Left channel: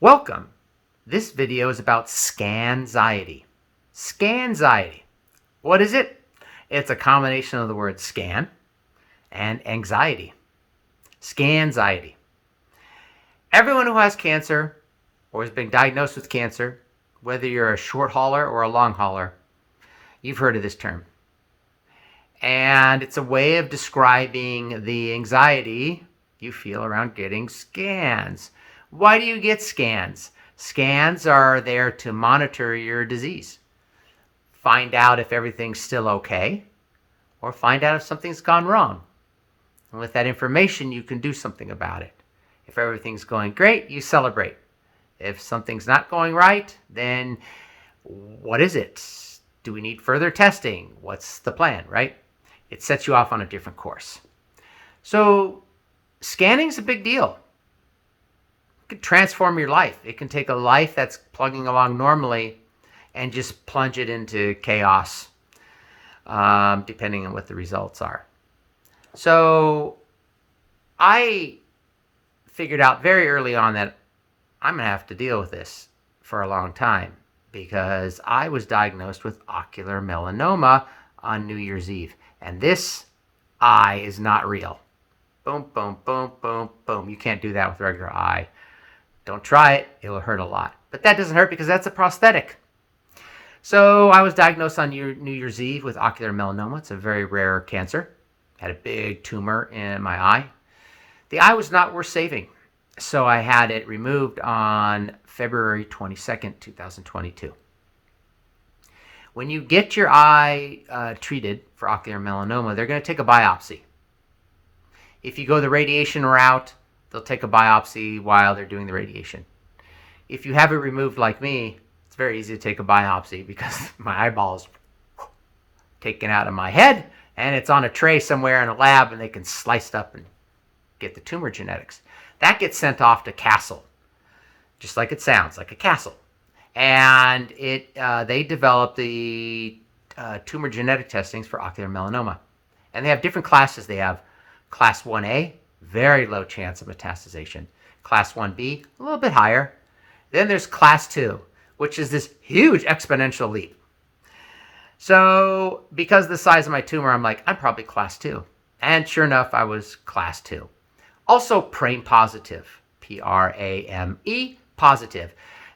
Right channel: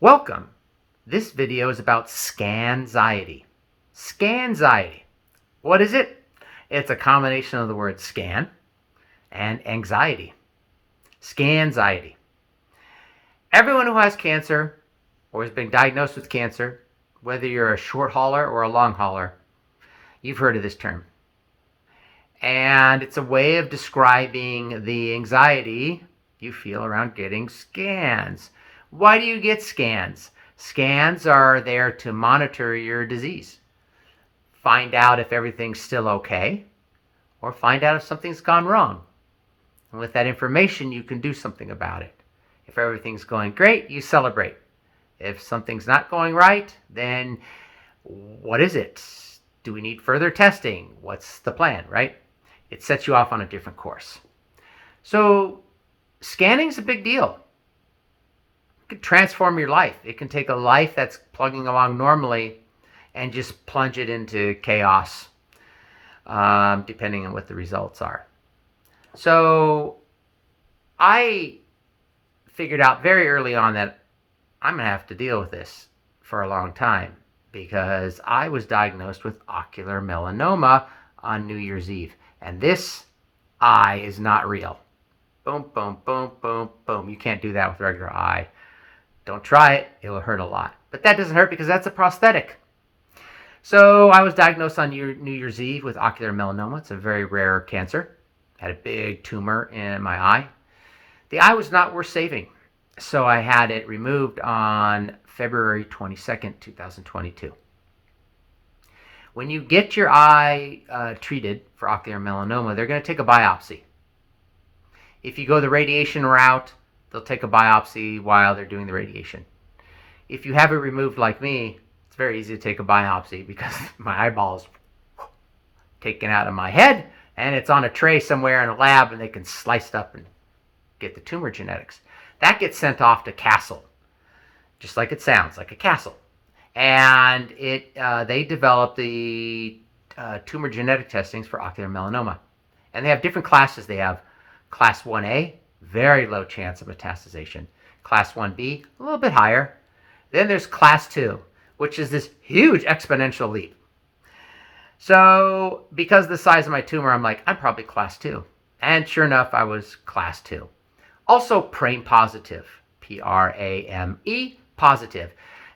Welcome. This video is about Scanxiety. Scanxiety. What is it? It's a combination of the word scan and anxiety. Scanxiety. Everyone who has cancer or has been diagnosed with cancer, whether you're a short hauler or a long hauler, you've heard of this term. And it's a way of describing the anxiety you feel around getting scans. Why do you get scans? Scans are there to monitor your disease. Find out if everything's still okay, or find out if something's gone wrong. And with that information, you can do something about it. If everything's going great, you celebrate. If something's not going right, then what is it? Do we need further testing? What's the plan, right? It sets you off on a different course. So scanning is a big deal. It can transform your life. It can take a life that's plugging along normally and just plunge it into chaos, depending on what the results are. So I figured out very early on that I'm going to have to deal with this for a long time because I was diagnosed with ocular melanoma on New Year's Eve. And this eye is not real. Boom, boom, boom, boom, boom. You can't do that with a regular eye. Don't try it. It will hurt a lot. But that doesn't hurt because that's a prosthetic. So I was diagnosed on New Year's Eve with ocular melanoma. It's a very rare cancer. Had a big tumor in my eye. The eye was not worth saving. So I had it removed on February 22nd, 2022. When you get your eye treated for ocular melanoma, they're going to take a biopsy. If you go the radiation route, they'll take a biopsy while they're doing the radiation. If you have it removed like me, it's very easy to take a biopsy because my eyeball is taken out of my head and it's on a tray somewhere in a lab and they can slice it up and get the tumor genetics. That gets sent off to Castle, just like it sounds, like a castle. And they developed the tumor genetic testings for ocular melanoma. And they have different classes. They have class 1A, very low chance of metastasization. Class 1B, a little bit higher. Then there's class 2, which is this huge exponential leap. So because of the size of my tumor, I'm like, I'm probably class 2. And sure enough, I was class 2. Also PRAME positive, P-R-A-M-E positive.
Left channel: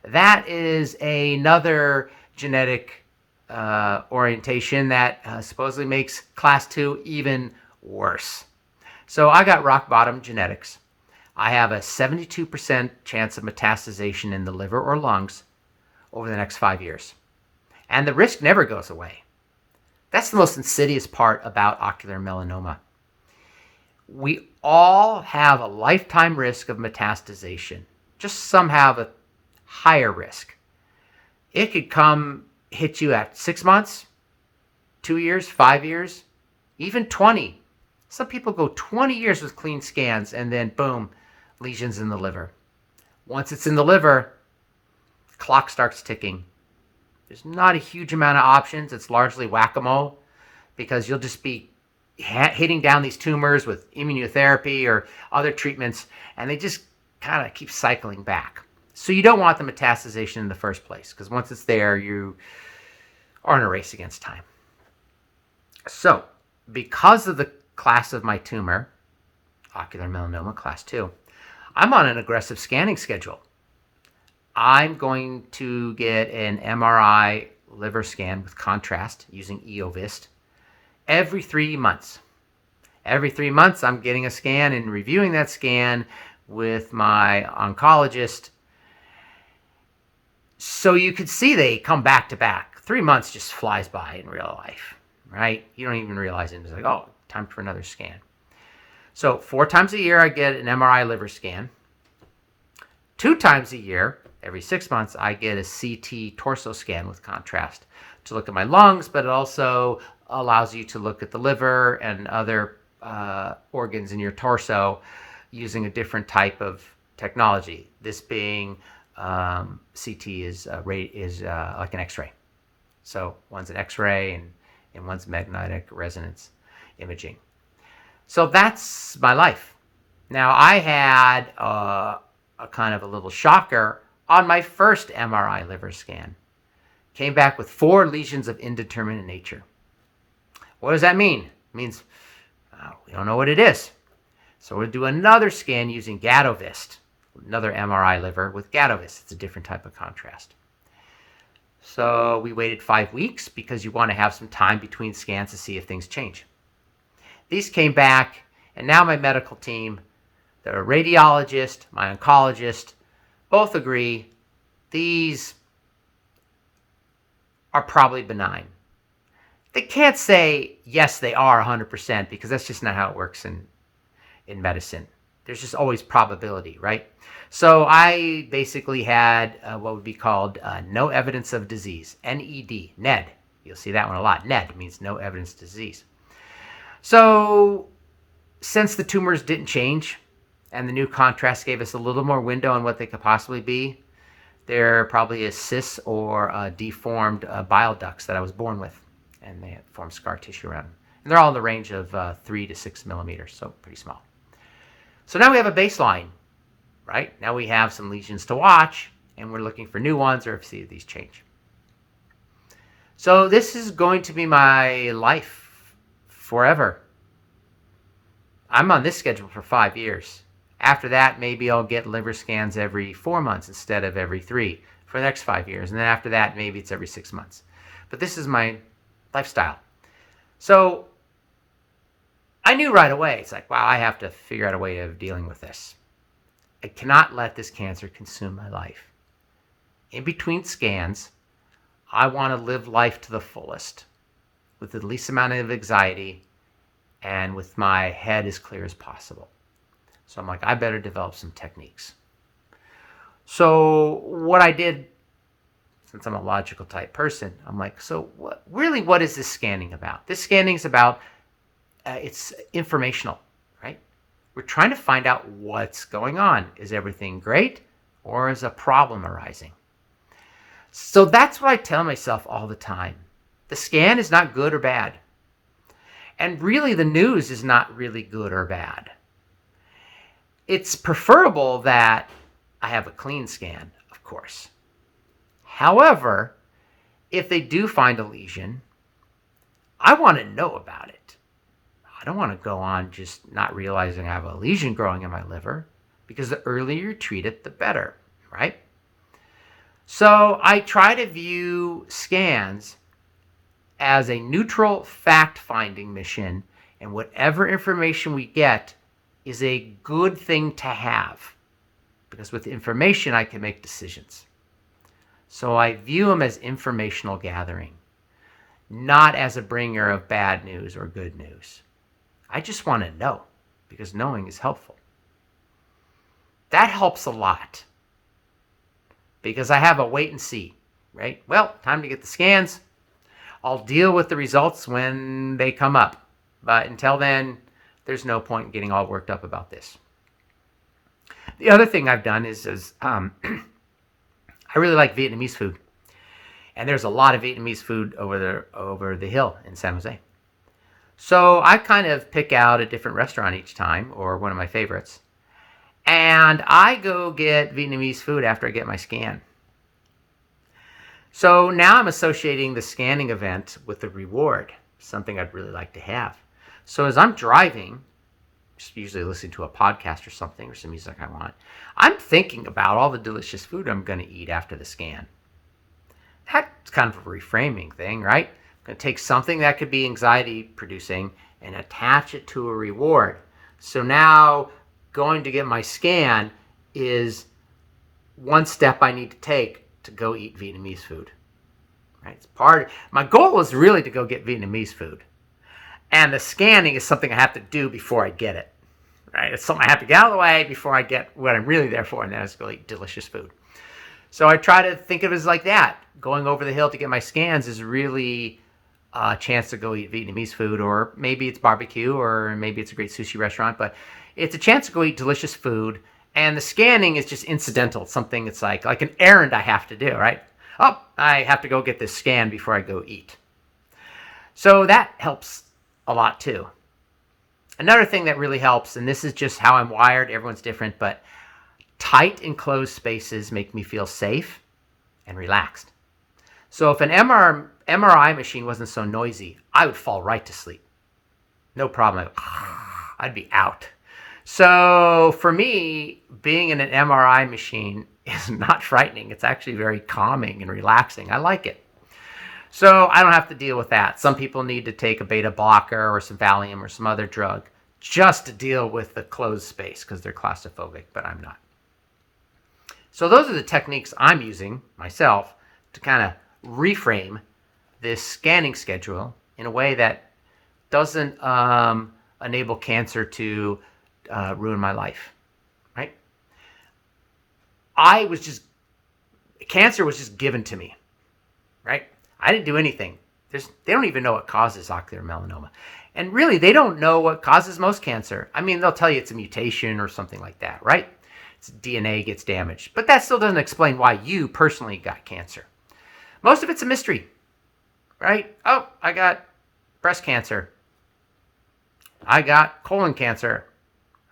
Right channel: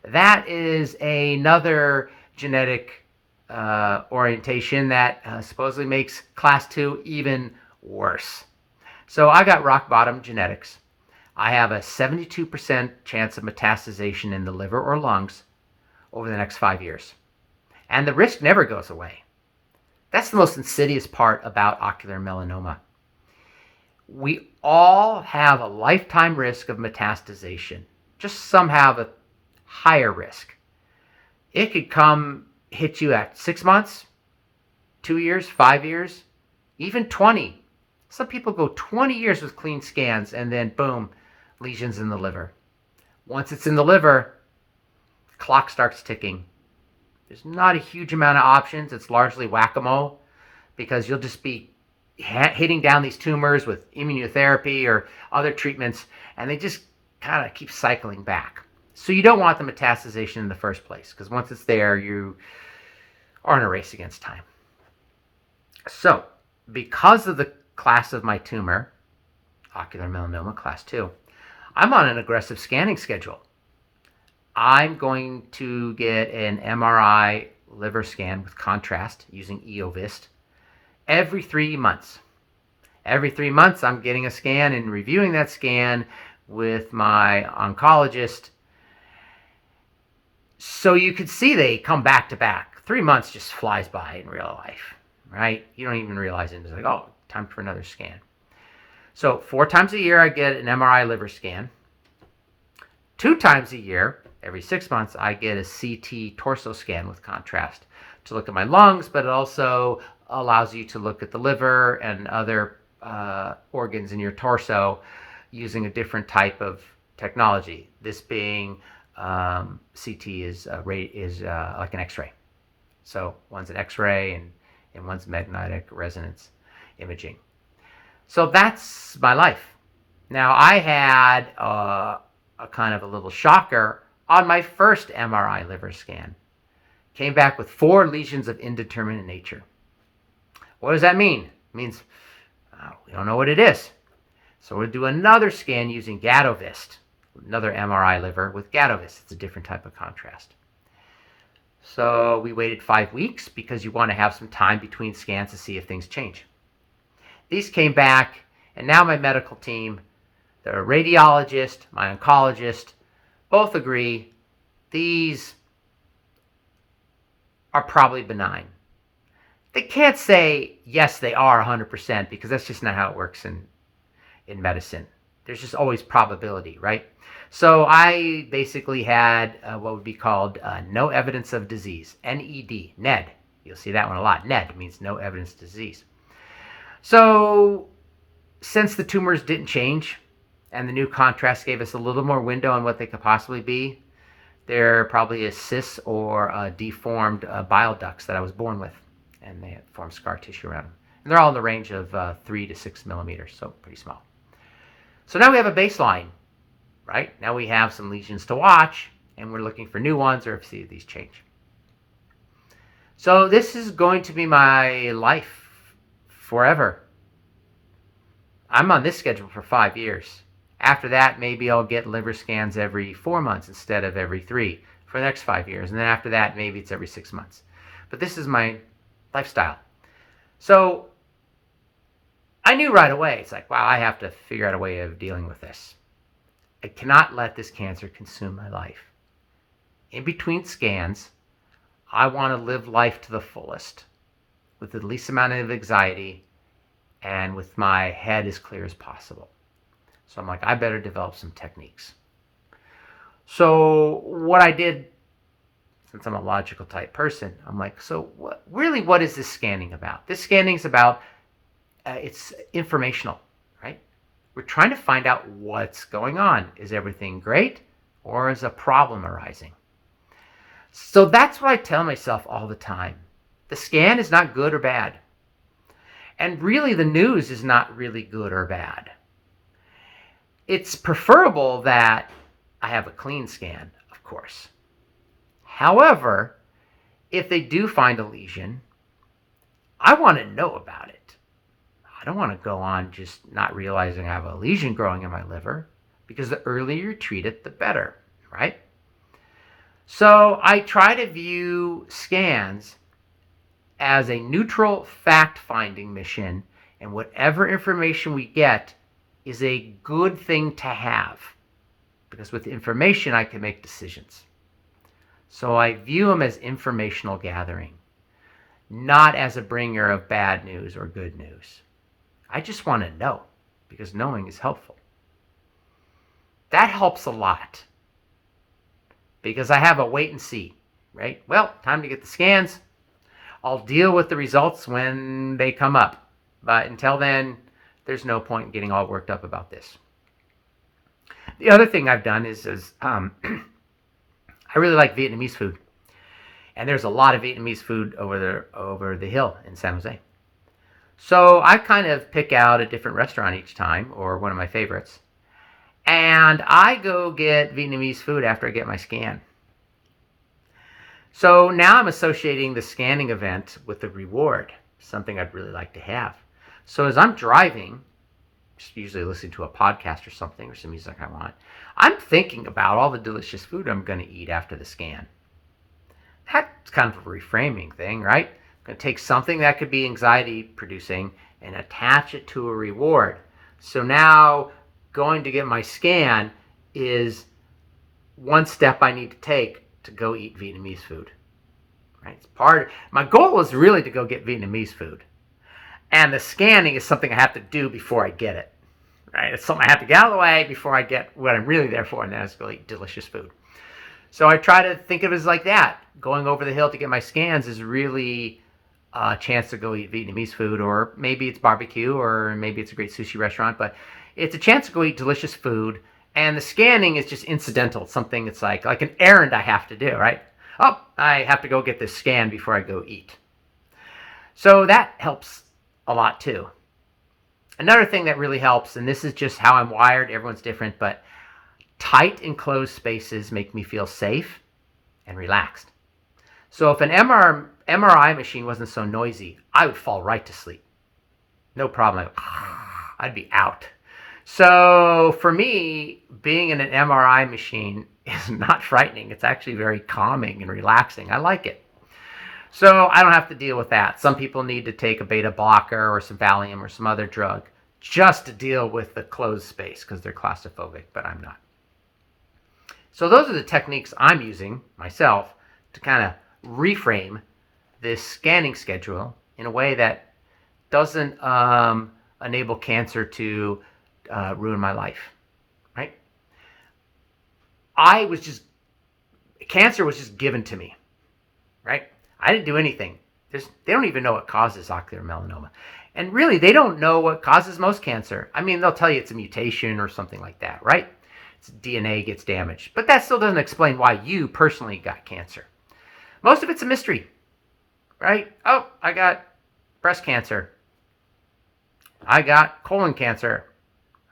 That is another genetic orientation that supposedly makes class 2 even worse. So I got rock bottom genetics. I have a 72% chance of metastasization in the liver or lungs over the next 5 years. And the risk never goes away. That's the most insidious part about ocular melanoma. We all have a lifetime risk of metastasization. Just some have a higher risk. It could come hit you at 6 months, 2 years, 5 years, even 20. Some people go 20 years with clean scans and then boom, lesions in the liver. Once it's in the liver, the clock starts ticking. There's not a huge amount of options. It's largely whack-a-mole because you'll just be hitting down these tumors with immunotherapy or other treatments and they just kind of keep cycling back. So you don't want the metastasization in the first place because once it's there, you are in a race against time. So because of the class of my tumor, ocular melanoma class 2, I'm on an aggressive scanning schedule. I'm going to get an MRI liver scan with contrast using EOVIST every 3 months. Every 3 months, I'm getting a scan and reviewing that scan with my oncologist. So you could see they come back to back. 3 months just flies by in real life, right? You don't even realize it. It's like, oh, time for another scan. So 4 times a year, I get an MRI liver scan. 2 times a year, every 6 months, I get a CT torso scan with contrast to look at my lungs, but it also allows you to look at the liver and other organs in your torso using a different type of technology. This being CT is like an X-ray. So one's an X-ray and one's magnetic resonance imaging. So that's my life. Now I had a kind of a little shocker on my first MRI liver scan. Came back with 4 lesions of indeterminate nature. What does that mean? It means we don't know what it is. So we'll do another scan using Gadovist, another MRI liver with Gadovist. It's a different type of contrast. So we waited 5 weeks because you want to have some time between scans to see if things change. These came back, and now my medical team, the radiologist, my oncologist, both agree these are probably benign. They can't say, yes, they are 100%, because that's just not how it works in medicine. There's just always probability, right? So I basically had what would be called no evidence of disease, NED, NED. You'll see that one a lot. NED means no evidence of disease. So since the tumors didn't change and the new contrast gave us a little more window on what they could possibly be, they're probably a cyst or deformed bile ducts that I was born with, and they formed scar tissue around them. And they're all in the range of 3 to 6 millimeters, so pretty small. So now we have a baseline, right? Now we have some lesions to watch, and we're looking for new ones or see if these change. So this is going to be my life forever. I'm on this schedule for 5 years. After that, maybe I'll get liver scans every 4 months instead of every 3 for the next 5 years. And then after that, maybe it's every 6 months. But this is my lifestyle. So I knew right away, it's like, wow, I have to figure out a way of dealing with this. I cannot let this cancer consume my life. In between scans, I want to live life to the fullest with the least amount of anxiety and with my head as clear as possible. So I'm like, I better develop some techniques. So what I did, since I'm a logical type person, I'm like, so what is this scanning about? This scanning is about, it's informational, right? We're trying to find out what's going on. Is everything great, or is a problem arising? So that's what I tell myself all the time. The scan is not good or bad. And really the news is not really good or bad. It's preferable that I have a clean scan, of course. However, if they do find a lesion, I want to know about it. I don't want to go on just not realizing I have a lesion growing in my liver, because the earlier you treat it, the better, right? So I try to view scans as a neutral fact-finding mission, and whatever information we get is a good thing to have, because with information I can make decisions. So I view them as informational gathering, not as a bringer of bad news or good news. I just want to know, because knowing is helpful. That helps a lot, because I have a wait and see, right? Well, time to get the scans. I'll deal with the results when they come up. But until then, there's no point in getting all worked up about this. The other thing I've done is I really like Vietnamese food. And there's a lot of Vietnamese food over the hill in San Jose. So I kind of pick out a different restaurant each time, or one of my favorites. And I go get Vietnamese food after I get my scan. So now I'm associating the scanning event with the reward, something I'd really like to have. So as I'm driving, just usually listening to a podcast or something, or some music I want, I'm thinking about all the delicious food I'm going to eat after the scan. That's kind of a reframing thing, right? I'm going to take something that could be anxiety producing and attach it to a reward. So now going to get my scan is one step I need to take to go eat Vietnamese food. Right? It's my goal is really to go get Vietnamese food. And the scanning is something I have to do before I get it. Right? It's something I have to get out of the way before I get what I'm really there for, and that is go eat delicious food. So I try to think of it as like that. Going over the hill to get my scans is really a chance to go eat Vietnamese food, or maybe it's barbecue, or maybe it's a great sushi restaurant, but it's a chance to go eat delicious food. And the scanning is just incidental. It's something that's like an errand I have to do, right? Oh, I have to go get this scan before I go eat. So that helps a lot too. Another thing that really helps, and this is just how I'm wired, everyone's different, but Tight enclosed spaces make me feel safe and relaxed. So if an MRI machine wasn't so noisy, I would fall right to sleep. No problem. I'd be out. So for me, being in an MRI machine is not frightening. It's actually very calming and relaxing. I like it. So I don't have to deal with that. Some people need to take a beta blocker or some Valium or some other drug just to deal with the closed space because they're claustrophobic, but I'm not. So those are the techniques I'm using myself to kind of reframe this scanning schedule in a way that doesn't enable cancer to ruin my life, right? Cancer was just given to me, right? I didn't do anything. They don't even know what causes ocular melanoma. And really, they don't know what causes most cancer. I mean, they'll tell you it's a mutation or something like that, right? It's DNA gets damaged. But that still doesn't explain why you personally got cancer. Most of it's a mystery, right? Oh, I got breast cancer. I got colon cancer.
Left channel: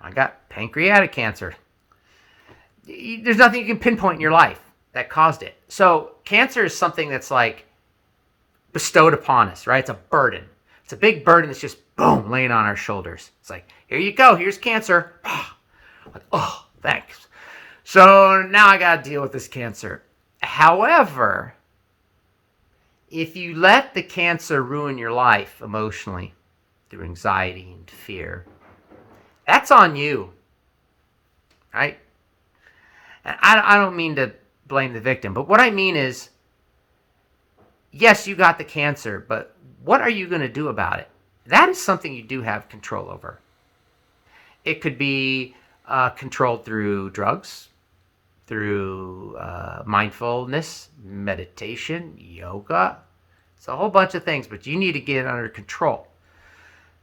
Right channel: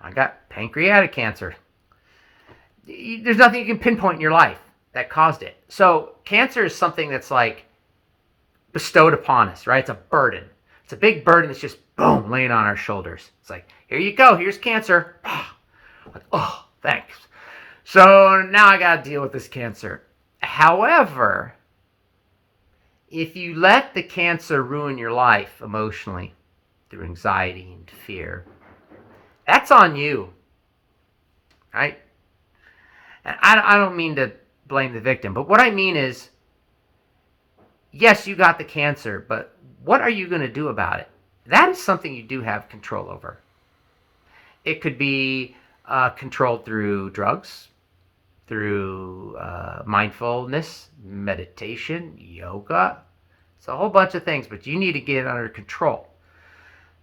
I got pancreatic cancer. There's nothing you can pinpoint in your life that caused it. So cancer is something that's like bestowed upon us, right? It's a burden. It's a big burden that's just, boom, laying on our shoulders. It's like, here you go. Here's cancer. Like, oh, thanks. So now I got to deal with this cancer. However, if you let the cancer ruin your life emotionally through anxiety and fear, that's on you, right? And I don't mean to blame the victim, but what I mean is, yes, you got the cancer, but what are you going to do about it? That is something you do have control over. It could be controlled through drugs, through mindfulness, meditation, yoga. It's a whole bunch of things, but you need to get it under control.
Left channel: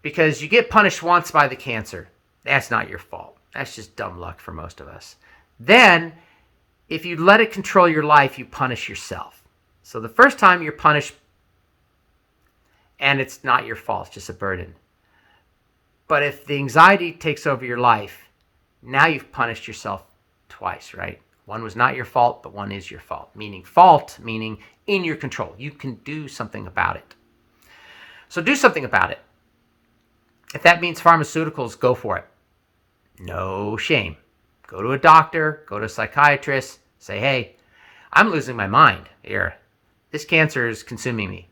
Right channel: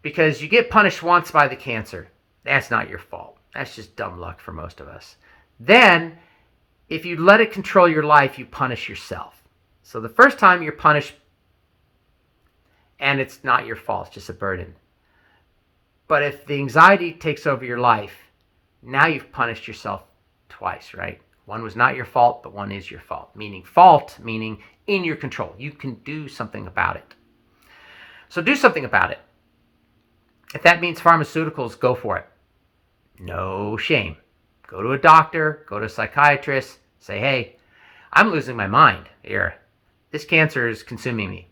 Because you get punished once by the cancer. That's not your fault. That's just dumb luck for most of us. Then, if you let it control your life, you punish yourself. So the first time you're punished, and it's not your fault, it's just a burden. But if the anxiety takes over your life, now you've punished yourself twice, right? One was not your fault, but one is your fault. Meaning in your control. You can do something about it. So do something about it. If that means pharmaceuticals, go for it. No shame. Go to a doctor, go to a psychiatrist, say, hey, I'm losing my mind here. This cancer is consuming me.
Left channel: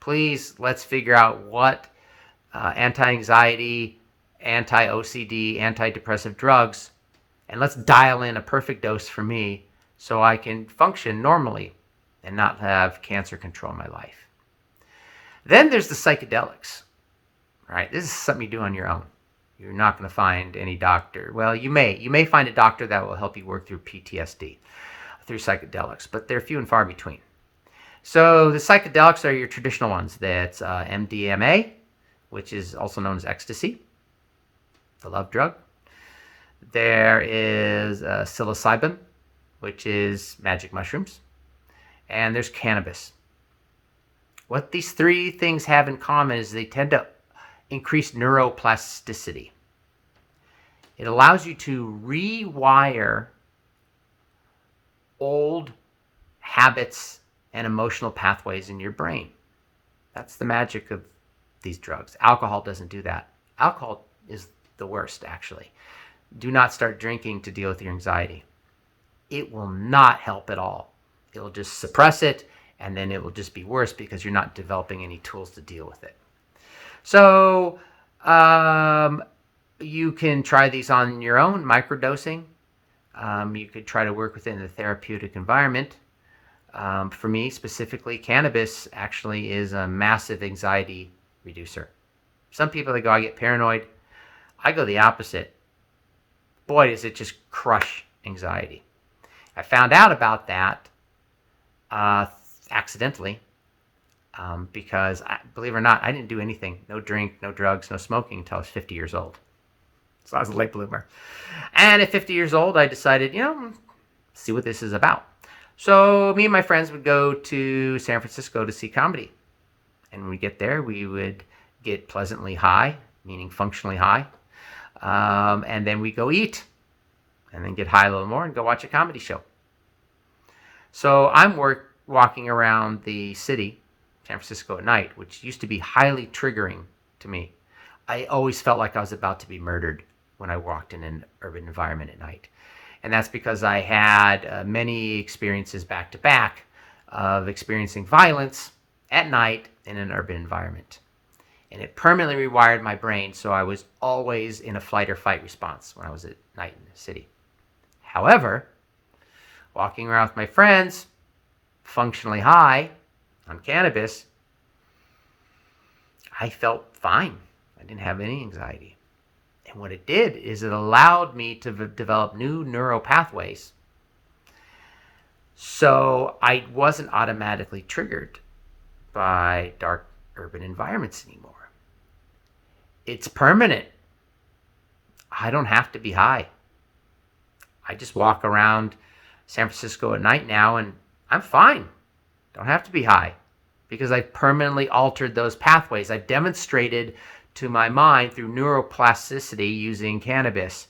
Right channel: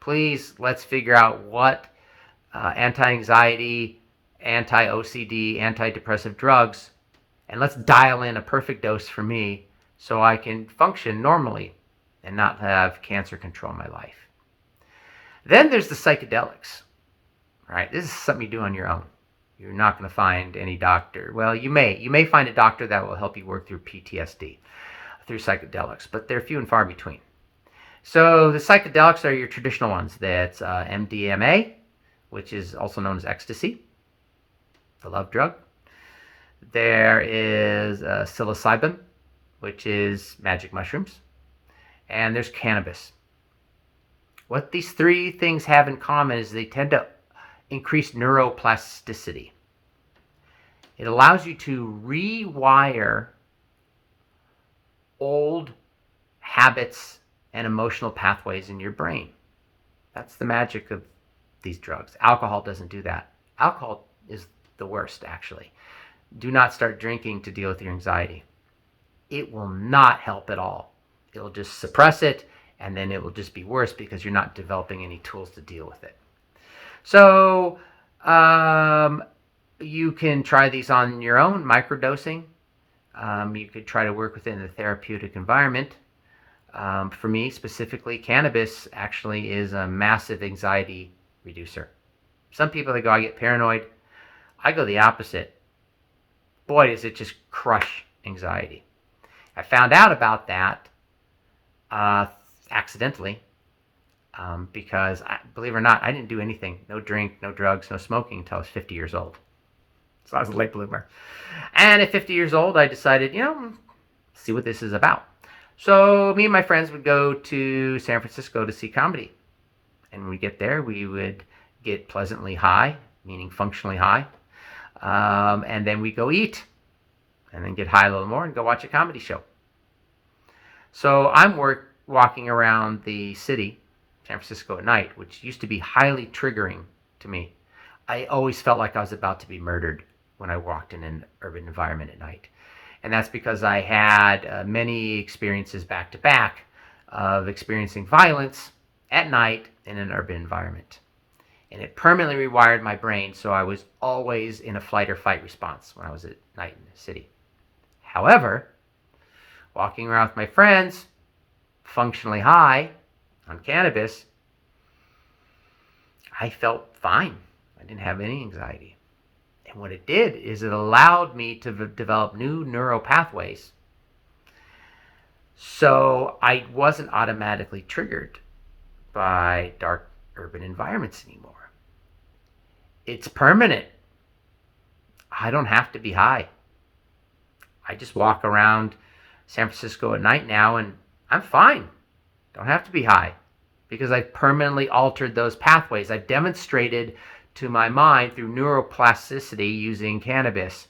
Please, let's figure out what anti-anxiety, anti-OCD, antidepressive drugs, and let's dial in a perfect dose for me so I can function normally and not have cancer control my life. Then there's the psychedelics. All right, this is something you do on your own. You're not going to find any doctor. Well, you may find a doctor that will help you work through PTSD through psychedelics, but they're few and far between. So the psychedelics are your traditional ones. That's MDMA, which is also known as ecstasy, the love drug. There is Psilocybin, which is magic mushrooms. And there's Cannabis. What these three things have in common is they tend to increase neuroplasticity. It allows you to rewire old habits and emotional pathways in your brain. That's the magic of these drugs. Alcohol doesn't do that. Alcohol is the worst, actually. Do not start drinking to deal with your anxiety. It will not help at all. It'll just suppress it, and then it will just be worse because you're not developing any tools to deal with it. So you can try these on your own, microdosing. You could try to work within the therapeutic environment. For me, specifically, cannabis actually is a massive anxiety reducer. Some people, they go, I get paranoid. I go the opposite. Boy, does it just crush anxiety. I found out about that accidentally because, believe it or not, I didn't do anything. No drink, no drugs, no smoking until I was 50 years old. So I was a late bloomer. And at 50 years old, I decided, see what this is about. So me and my friends would go to San Francisco to see comedy. And when we get there, we would get pleasantly high, meaning functionally high. And then we go eat. and then get high a little more and go watch a comedy show. So I'm walking around the city, San Francisco at night, which used to be highly triggering to me. I always felt like I was about to be murdered when I walked in an urban environment at night. And that's because I had many experiences back to back of experiencing violence at night in an urban environment. And it permanently rewired my brain, so I was always in a flight or fight response when I was at night in the city. However, walking around with my friends, functionally high on cannabis, I felt fine. I didn't have any anxiety. And what it did is it allowed me to develop new neural pathways. So I wasn't automatically triggered by dark urban environments anymore. It's permanent. I don't have to be high. I just walk around San Francisco at night now and I'm fine. Don't have to be high because I've permanently altered those pathways. I've demonstrated to my mind through neuroplasticity using cannabis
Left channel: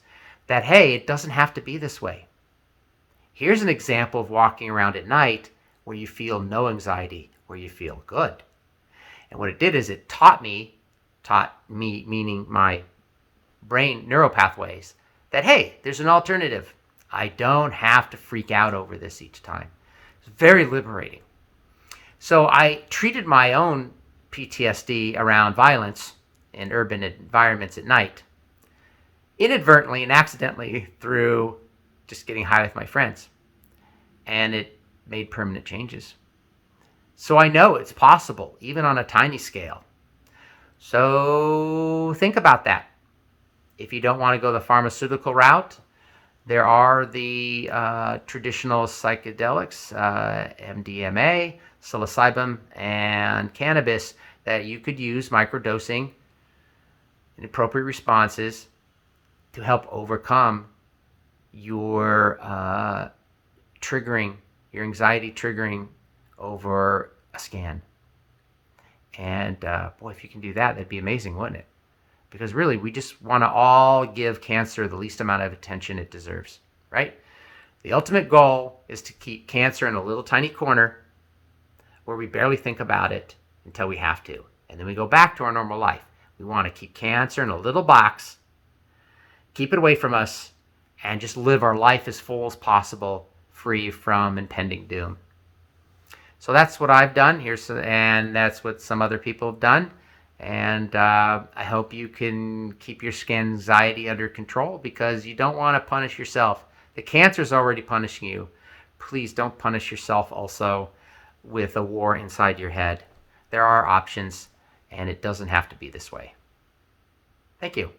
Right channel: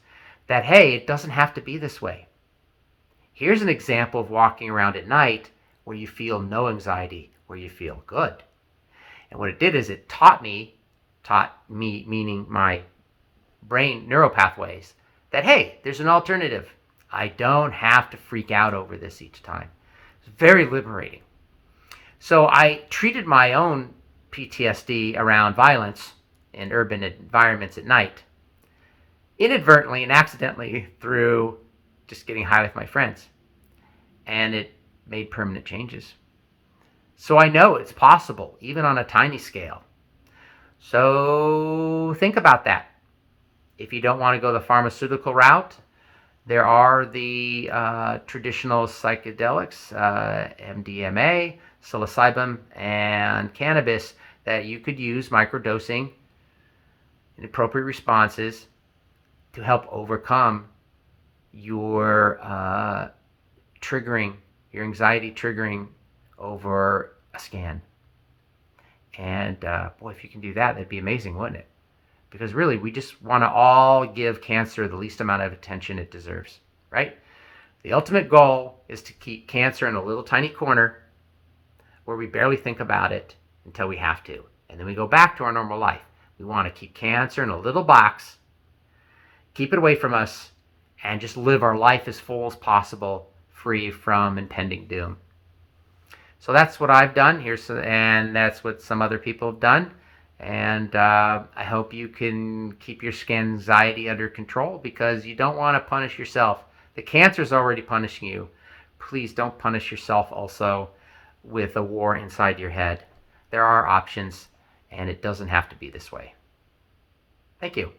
that, hey, it doesn't have to be this way. Here's an example of walking around at night where you feel no anxiety, where you feel good. And what it did is it taught me meaning my brain neural pathways, that, hey, there's an alternative. I don't have to freak out over this each time. It's very liberating. So I treated my own PTSD around violence in urban environments at night, inadvertently and accidentally through just getting high with my friends. And it made permanent changes. So I know it's possible, even on a tiny scale. So think about that. If you don't want to go the pharmaceutical route, there are the traditional psychedelics, MDMA, Psilocybin, and Cannabis that you could use microdosing in appropriate responses to help overcome your anxiety triggering over a scan. And boy, if you can do that, that'd be amazing, wouldn't it? Because really, we just want to all give cancer the least amount of attention it deserves, right? The ultimate goal is to keep cancer in a little tiny corner where we barely think about it until we have to. And then we go back to our normal life. We want to keep cancer in a little box, keep it away from us, and just live our life as full as possible, free from impending doom. So that's what I've done here, and that's what some other people have done. And I hope you can keep your Scanxiety under control because you don't want to punish yourself. The cancer is already punishing you. Please don't punish yourself also with a war inside your head. There are options, and it doesn't have to be this way. Thank you.